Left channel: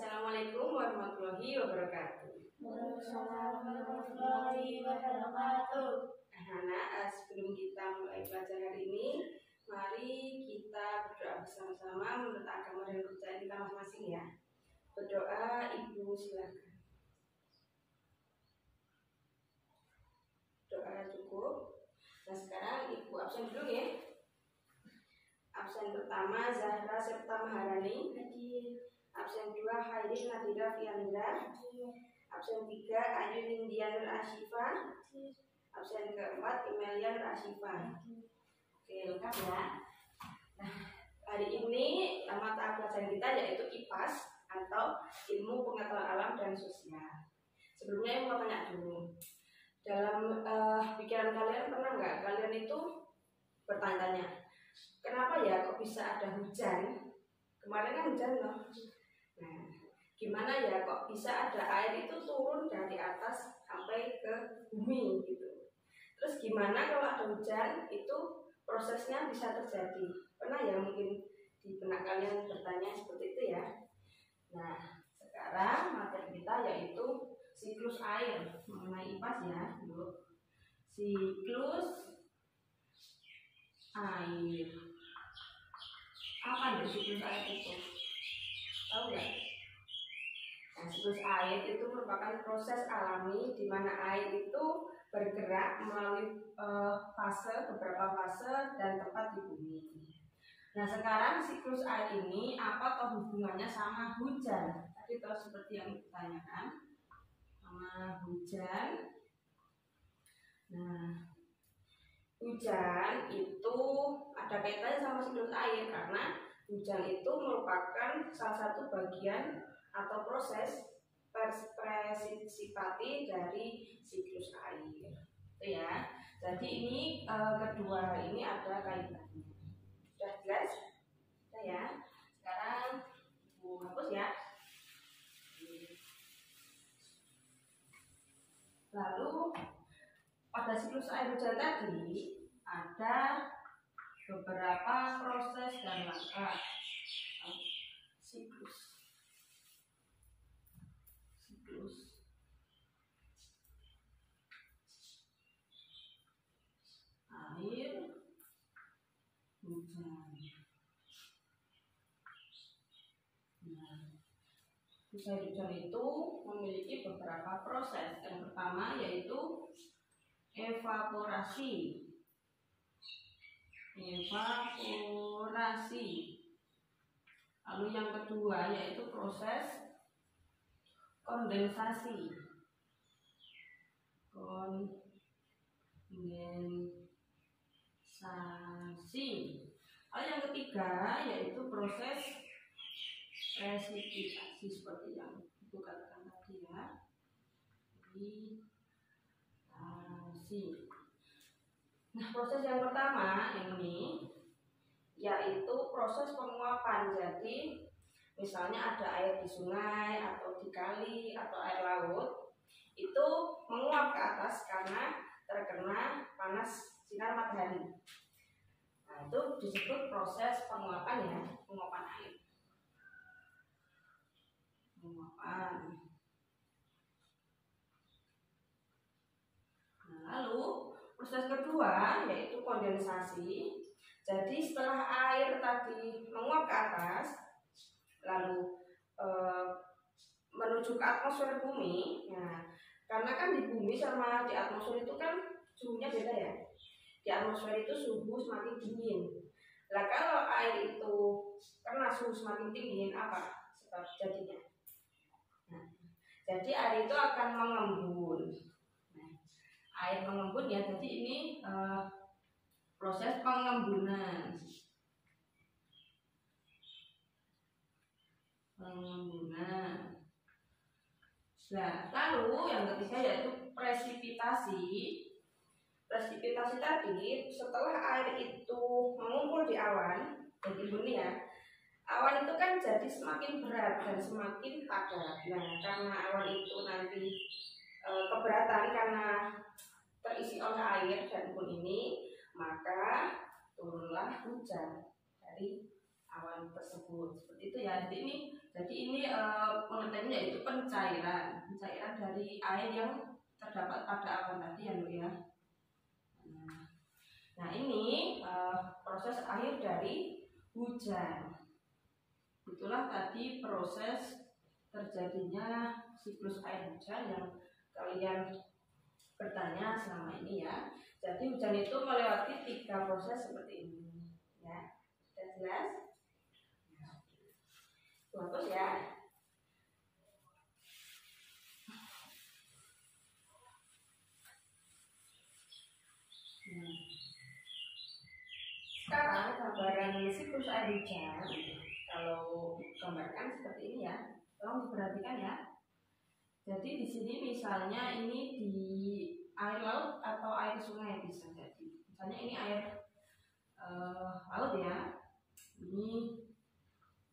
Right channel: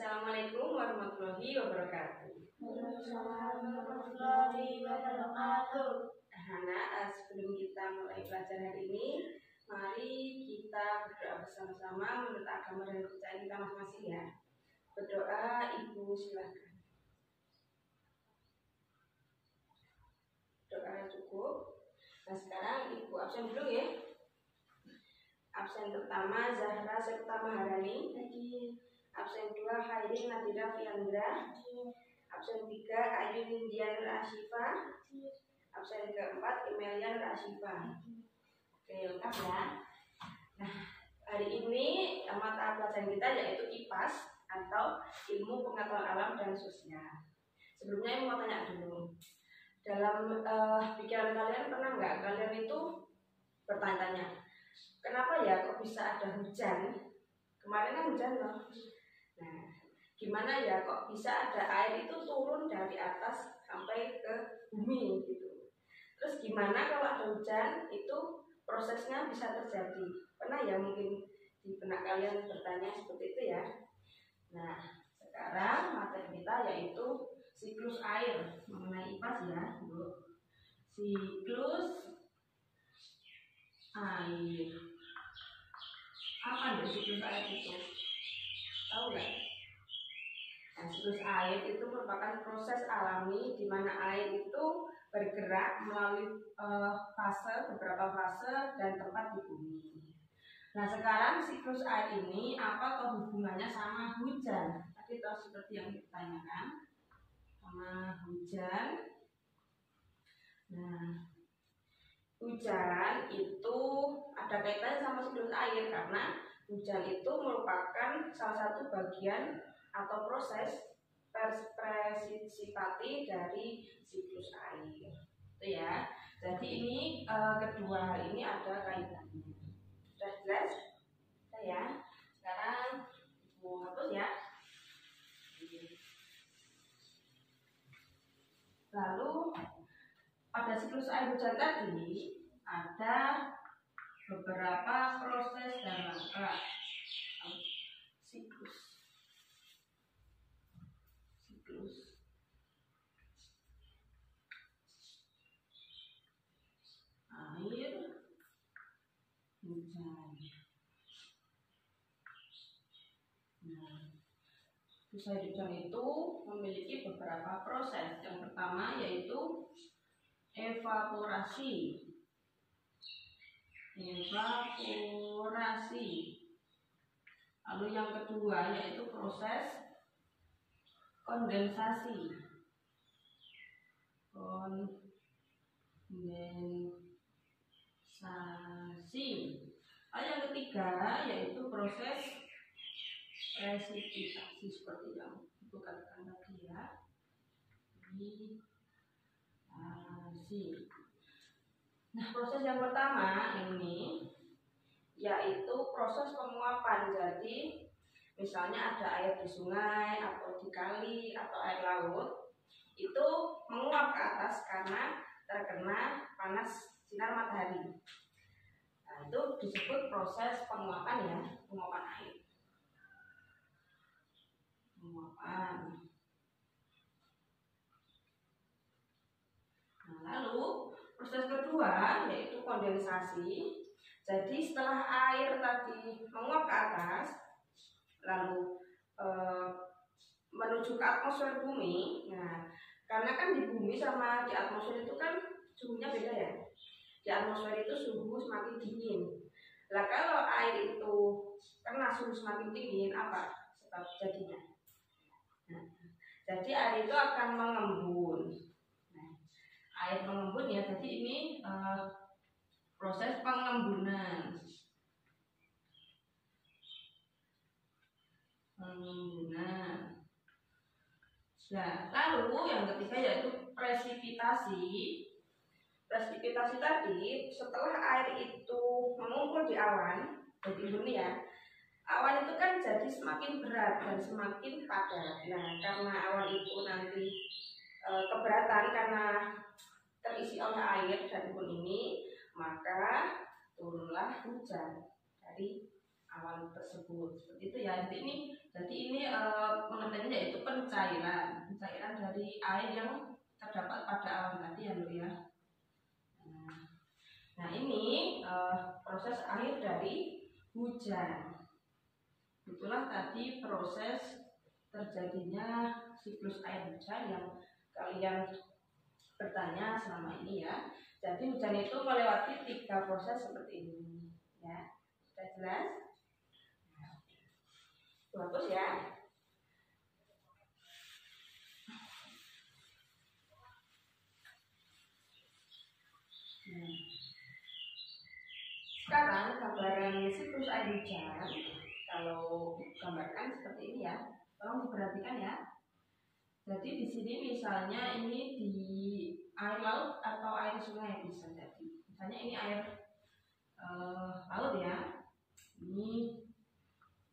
Assalamualaikum warahmatullahi wabarakatuh. Waalaikumsalam warahmatullahi wabarakatuh. Sebelum kita mulai belajar hari ini, mari kita berdoa bersama-sama menurut agama dan kepercayaan kita masing-masing ya. Berdoa, Ibu silakan. Doa cukup. Nah sekarang Ibu absen dulu ya. Absen pertama Zahra serta Maharani. Absen 2 Khairin Nadira Fiandra. Absen 3 Ayu Indian Rashifa. Absen keempat Imelian Rashifa. Oke, lengkap ya. Nah, hari ini mata pelajaran kita yaitu IPAS atau Ilmu Pengetahuan Alam dan Sosial. Sebelumnya mau tanya dulu. Dalam pikiran kalian pernah nggak kalian itu bertanya-tanya, kenapa ya kok bisa ada hujan? Kemarin kan hujan loh. Nah, gimana ya kok bisa ada air itu turun dari atas sampai ke bumi gitu. Terus gimana kalau ada hujan itu prosesnya bisa terjadi? Pernah ya mungkin di benak kalian bertanya seperti itu ya. Nah, sekarang materi kita yaitu siklus air. Mengenai IPAS ya, dulu. Siklus air. Apa dari siklus air itu? Tahu nggak? Nah, siklus air itu merupakan proses alami di mana air itu bergerak melalui beberapa fase dan tempat di bumi. Nah, sekarang siklus air ini apa atau hubungannya sama hujan? Tadi tahu seperti yang ditanyakan sama hujan. Nah, hujan itu ada kaitannya sama siklus air karena hujan itu merupakan salah satu bagian atau proses presipitasi dari siklus air. Itu ya. Jadi ini kedua hal ini ada kaitannya. Sudah jelas? Sudah ya. Sekarang mau hapus ya. Lalu pada siklus air hujan tadi ada beberapa proses dan langkah siklus air hujan. Nah, siklus air hujan itu memiliki beberapa proses. Yang pertama yaitu evaporasi. Lalu yang kedua yaitu proses kondensasi. Lalu yang ketiga yaitu proses presipitasi seperti yang Ibu katakan tadi ya. Nah, proses yang pertama ini yaitu proses penguapan. Jadi misalnya ada air di sungai atau di kali atau air laut itu menguap ke atas karena terkena panas sinar matahari. Nah, itu disebut proses penguapan ya, penguapan air. Penguapan. Nah, lalu proses kedua yaitu kondensasi. Jadi setelah air tadi menguap ke atas lalu menuju ke atmosfer bumi. Nah, karena kan di bumi sama di atmosfer itu kan suhunya beda ya. Di atmosfer itu suhu semakin dingin. Nah, kalau air itu kena suhu semakin dingin, apa sebab jadinya? Nah, jadi air itu akan mengembun. Nah, air mengembun ya. Jadi ini proses pengembunan. Nah, lalu yang ketiga yaitu presipitasi. Presipitasi tadi setelah air itu mengumpul di awan, jadi bumi ya. Awan itu kan jadi semakin berat dan semakin padat. Nah, karena awan itu nanti keberatan karena terisi oleh air dan embun ini, maka turunlah hujan dari awan tersebut. Seperti itu ya. Jadi ini Jadi ini pengertiannya yaitu pencairan dari air yang terdapat pada awan tadi ya Bu ya. Nah ini proses akhir dari hujan. Itulah tadi proses terjadinya siklus air hujan yang kalian bertanya selama ini ya. Jadi hujan itu melewati 3 proses seperti ini ya. Sudah jelas? Bagus ya. Sekarang gambaran siklus air hujan, kalau gambarkan seperti ini ya, tolong diperhatikan ya. Jadi di sini misalnya ini di air laut atau air sungai bisa jadi. Misalnya ini air laut ya, ini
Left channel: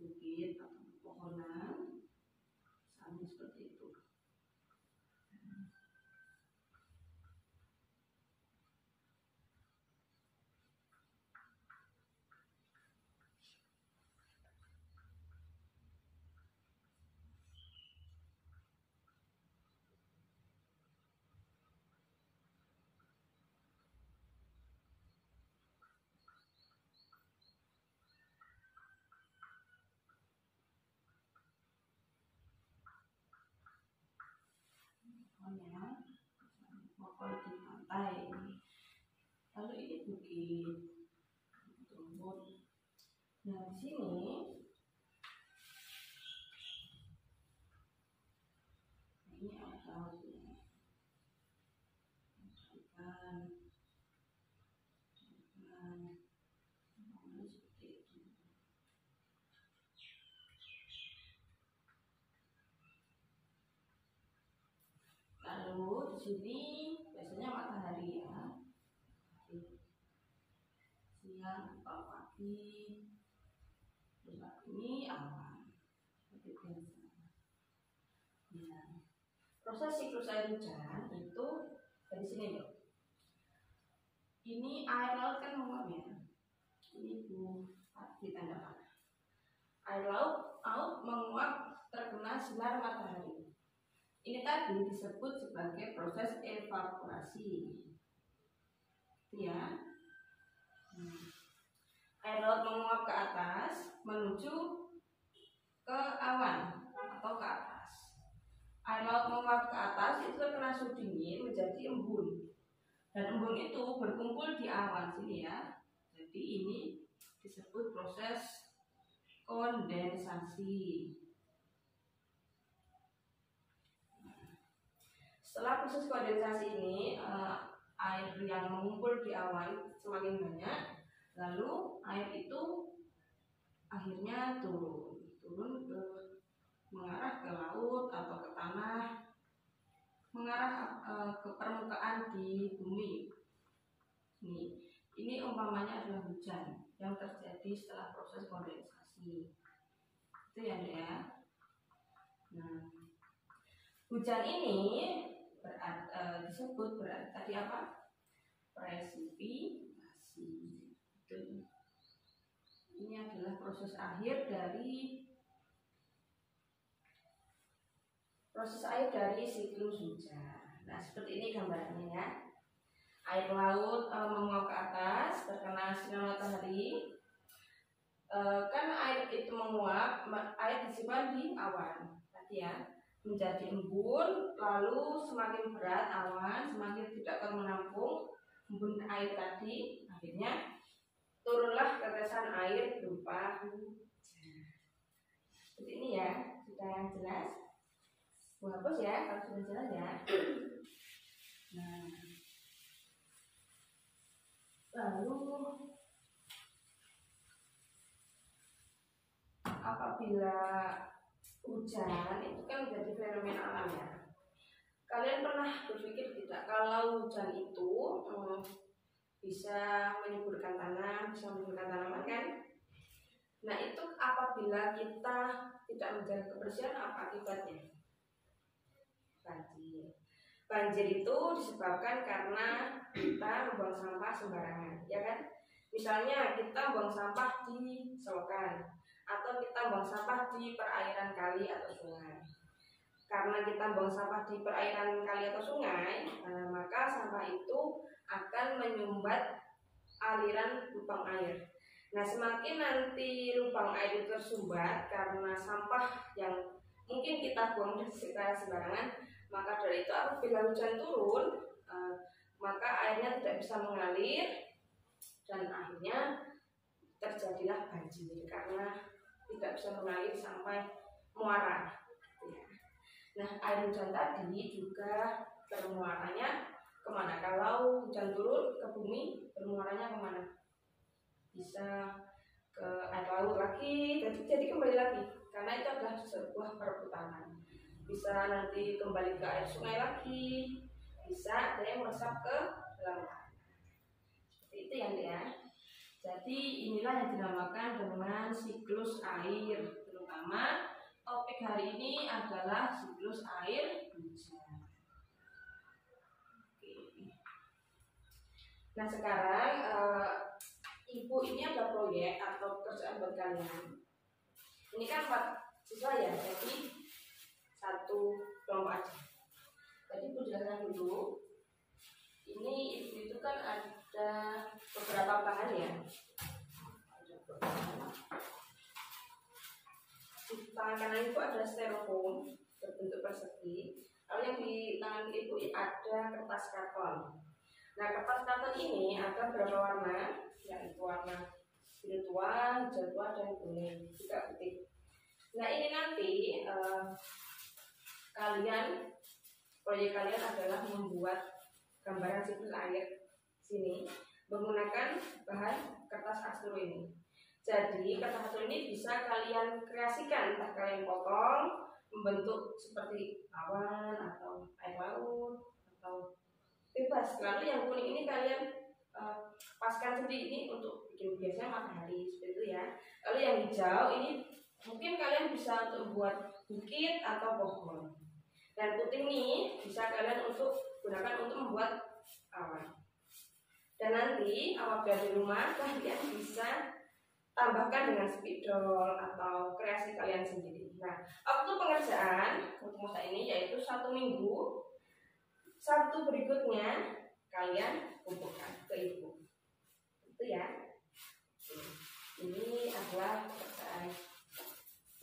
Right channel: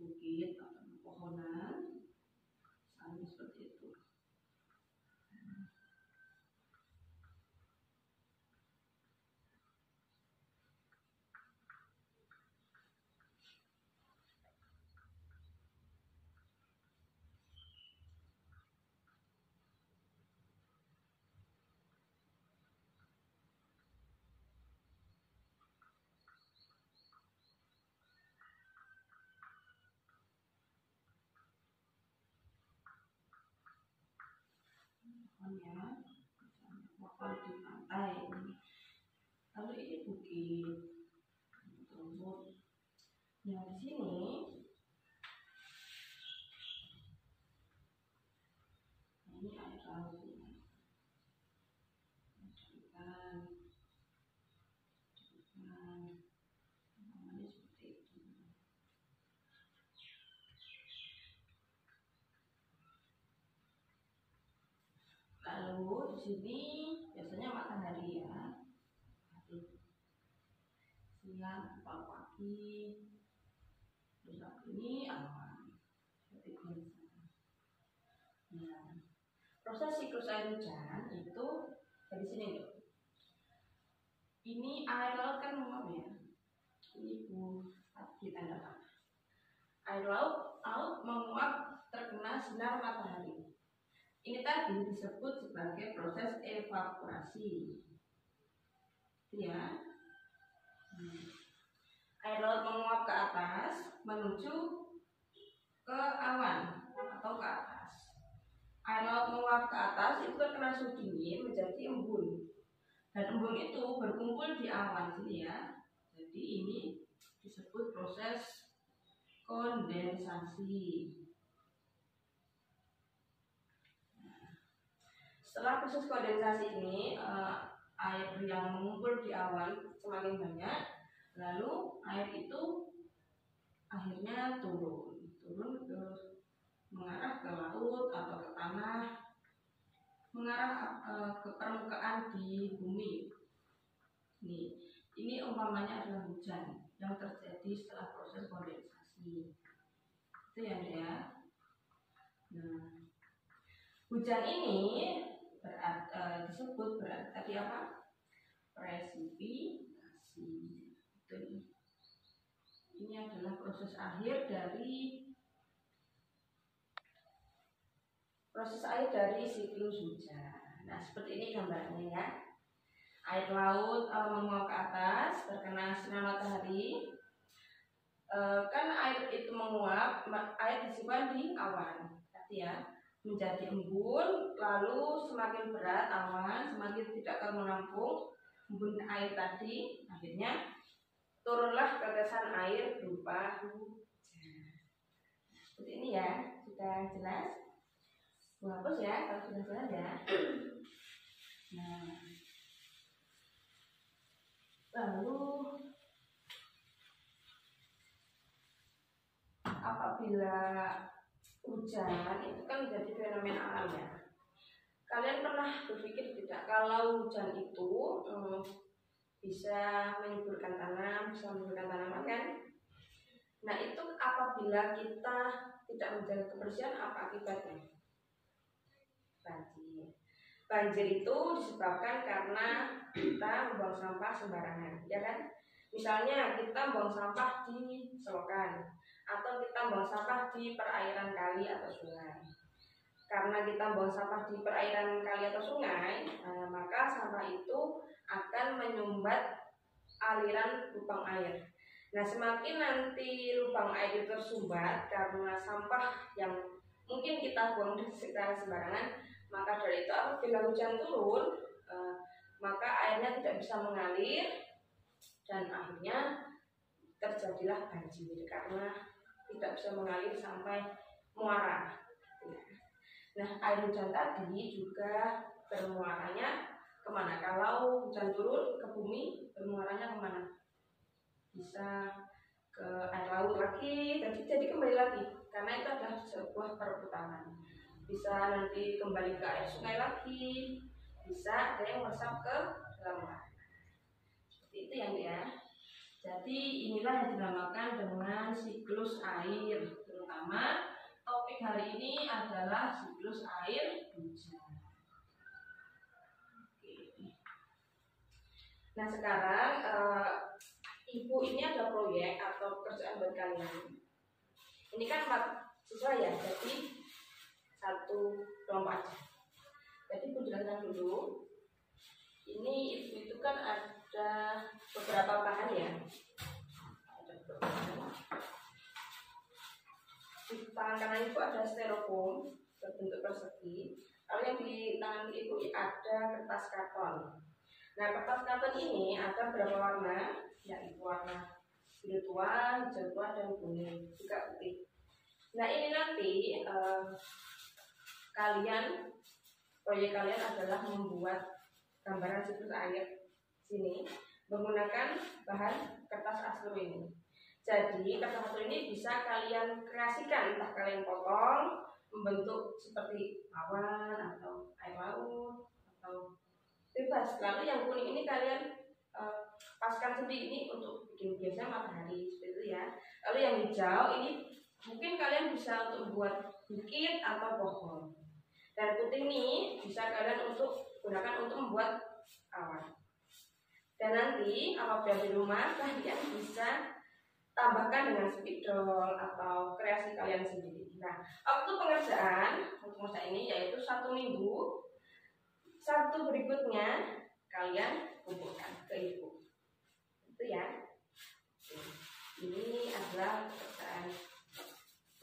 bukit atau pepohonan, misalnya seperti itu. Ya, pohon di pantai ini. Lalu ini bukit, rumput. Nah di sini ini air laut ya. Ikan, namanya seperti itu. Lalu di sini biasanya matahari ya, siang atau pagi. Terus ini awan seperti biasa. Nah, proses siklus air hujan itu dari sini loh. Ini air laut kan menguap ya. Ini ditandakan. Air laut menguap terkena sinar matahari. Ini tadi disebut sebagai proses evaporasi. Ya. Air laut menguap ke atas menuju ke awan atau ke atas. Air laut menguap ke atas itu terkena suhu dingin menjadi embun. Dan embun itu berkumpul di awan sini ya. Jadi ini disebut proses kondensasi. Setelah proses kondensasi ini, air yang mengumpul di awan semakin banyak, lalu air itu akhirnya turun ke mengarah ke laut atau ke tanah, mengarah ke permukaan di bumi. Ini umpamanya adalah hujan yang terjadi setelah proses kondensasi. Itu ya, Dek ya. Nah, hujan ini disebut berarti tadi apa? Presipitasi. Ini adalah proses akhir dari siklus hujan. Nah, seperti ini gambarnya ya. Air laut menguap ke atas terkena sinar matahari. Kan air itu menguap, air disimpan di awan tadi ya, menjadi embun, lalu semakin berat awan, semakin tidak akan menampung embun air tadi, akhirnya turunlah tetesan air berupa hujan. Seperti ini ya, sudah jelas? Hapus ya kalau sudah jelas ya. Nah, lalu apabila hujan itu kan menjadi fenomena alam ya. Kalian pernah berpikir tidak kalau hujan itu bisa menyuburkan tanam, bisa menyuburkan tanaman kan? Nah itu apabila kita tidak menjaga kebersihan, apa akibatnya? Banjir. Banjir itu disebabkan karena kita membuang sampah sembarangan, ya kan? Misalnya kita buang sampah di selokan atau kita buang sampah di perairan kali atau sungai. Karena kita buang sampah di perairan kali atau sungai, maka sampah itu akan menyumbat aliran lubang air. Nah, semakin nanti lubang air itu tersumbat karena sampah yang mungkin kita buang secara sembarangan, maka dari itu apabila hujan turun, maka airnya tidak bisa mengalir dan akhirnya terjadilah banjir karena tidak bisa mengalir sampai muara. Nah, air hujan tadi juga bermuaranya kemana? Kalau hujan turun ke bumi, bermuaranya kemana? Bisa ke air laut lagi, jadi kembali lagi, karena itu adalah sebuah perputaran. Bisa nanti kembali ke air sungai lagi, bisa ada yang meresap ke dalam tanah. Seperti itu ya. Jadi inilah yang dinamakan dengan siklus air, terutama topik hari ini adalah siklus air hujan. Oke. Nah, sekarang Ibu ini ada proyek atau pekerjaan buat kalian. Ini kan 4 siswa ya, jadi 1 kelompok aja. Jadi Ibu jelaskan dulu. Ini Ibu itu kan ada beberapa bahan ya. Di tangan kanan Ibu ada styrofoam berbentuk persegi. Lalu yang di tangan Ibu ada kertas karton. Nah, kertas karton ini ada beberapa warna, yaitu warna biru tua, hijau tua, dan kuning, juga putih. Nah, ini nanti proyek kalian adalah membuat gambaran siklus air sini menggunakan bahan kertas astro ini. Jadi kertas astro ini bisa kalian kreasikan, entah kalian potong membentuk seperti awan atau air laut atau bebas. Lalu yang kuning ini kalian paskan sendiri, ini untuk bikin biasanya matahari seperti itu ya. Lalu yang hijau ini mungkin kalian bisa untuk membuat bukit atau pohon. Dan putih ini bisa kalian gunakan untuk membuat awan. Dan nanti apabila di rumah kalian bisa tambahkan dengan spidol atau kreasi kalian sendiri. Nah, waktu pengerjaan untuk masa ini yaitu 1 minggu. Sabtu berikutnya kalian kumpulkan ke Ibu. Itu ya. Ini adalah pekerjaan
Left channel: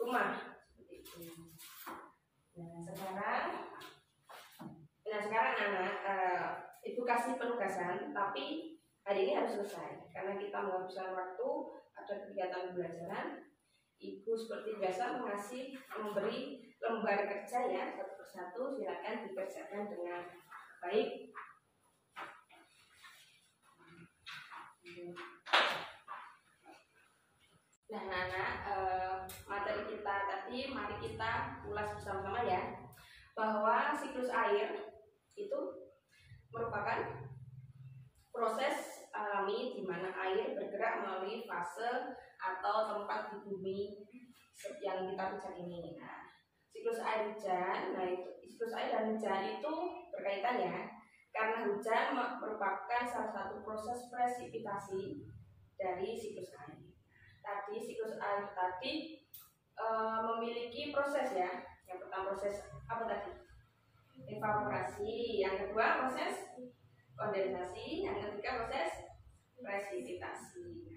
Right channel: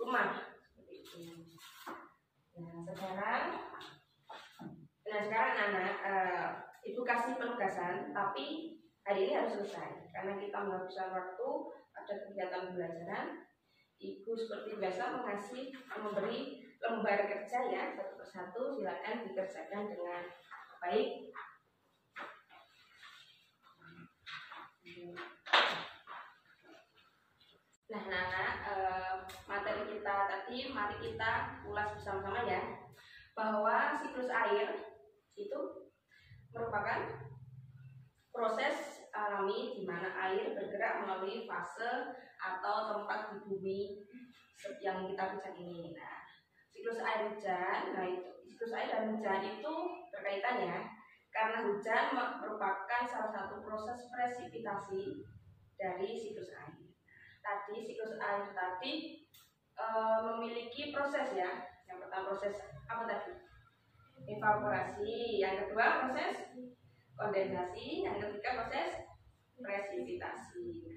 rumah seperti itu. Nah, sekarang anak Ibu kasih penugasan, tapi hari ini harus selesai karena kita menghabiskan waktu, ada kegiatan pembelajaran. Ibu seperti biasa memberi lembar kerja ya, satu persatu, silakan dikerjakan dengan baik. Nah, anak-anak, materi kita tadi mari kita ulas bersama-sama ya, bahwa siklus air itu merupakan proses alami di mana air bergerak melalui fase atau tempat di bumi yang kita bicara ini. Nah, siklus air hujan, siklus air dan hujan itu berkaitan ya, karena hujan merupakan salah satu proses presipitasi dari siklus air. Tadi siklus air tadi memiliki proses ya. Yang pertama proses apa tadi? Evaporasi, yang kedua proses kondensasi, yang ketiga proses presipitasi.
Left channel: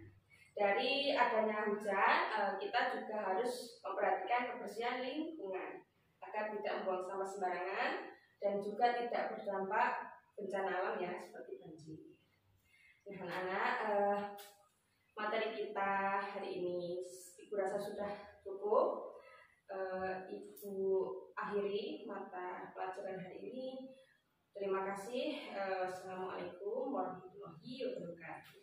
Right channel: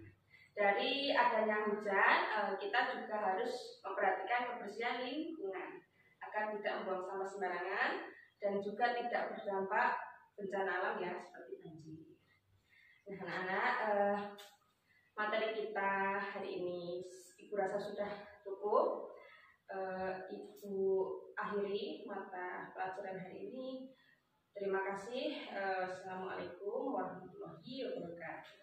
Dari adanya hujan, kita juga harus memperhatikan kebersihan lingkungan agar tidak membuang sampah sembarangan dan juga tidak berdampak bencana alam ya, seperti banjir. Nah, anak-anak, materi kita hari ini Ibu rasa sudah cukup. Ibu akhiri mata pelajaran hari ini. Terima kasih. Assalamualaikum warahmatullahi wabarakatuh.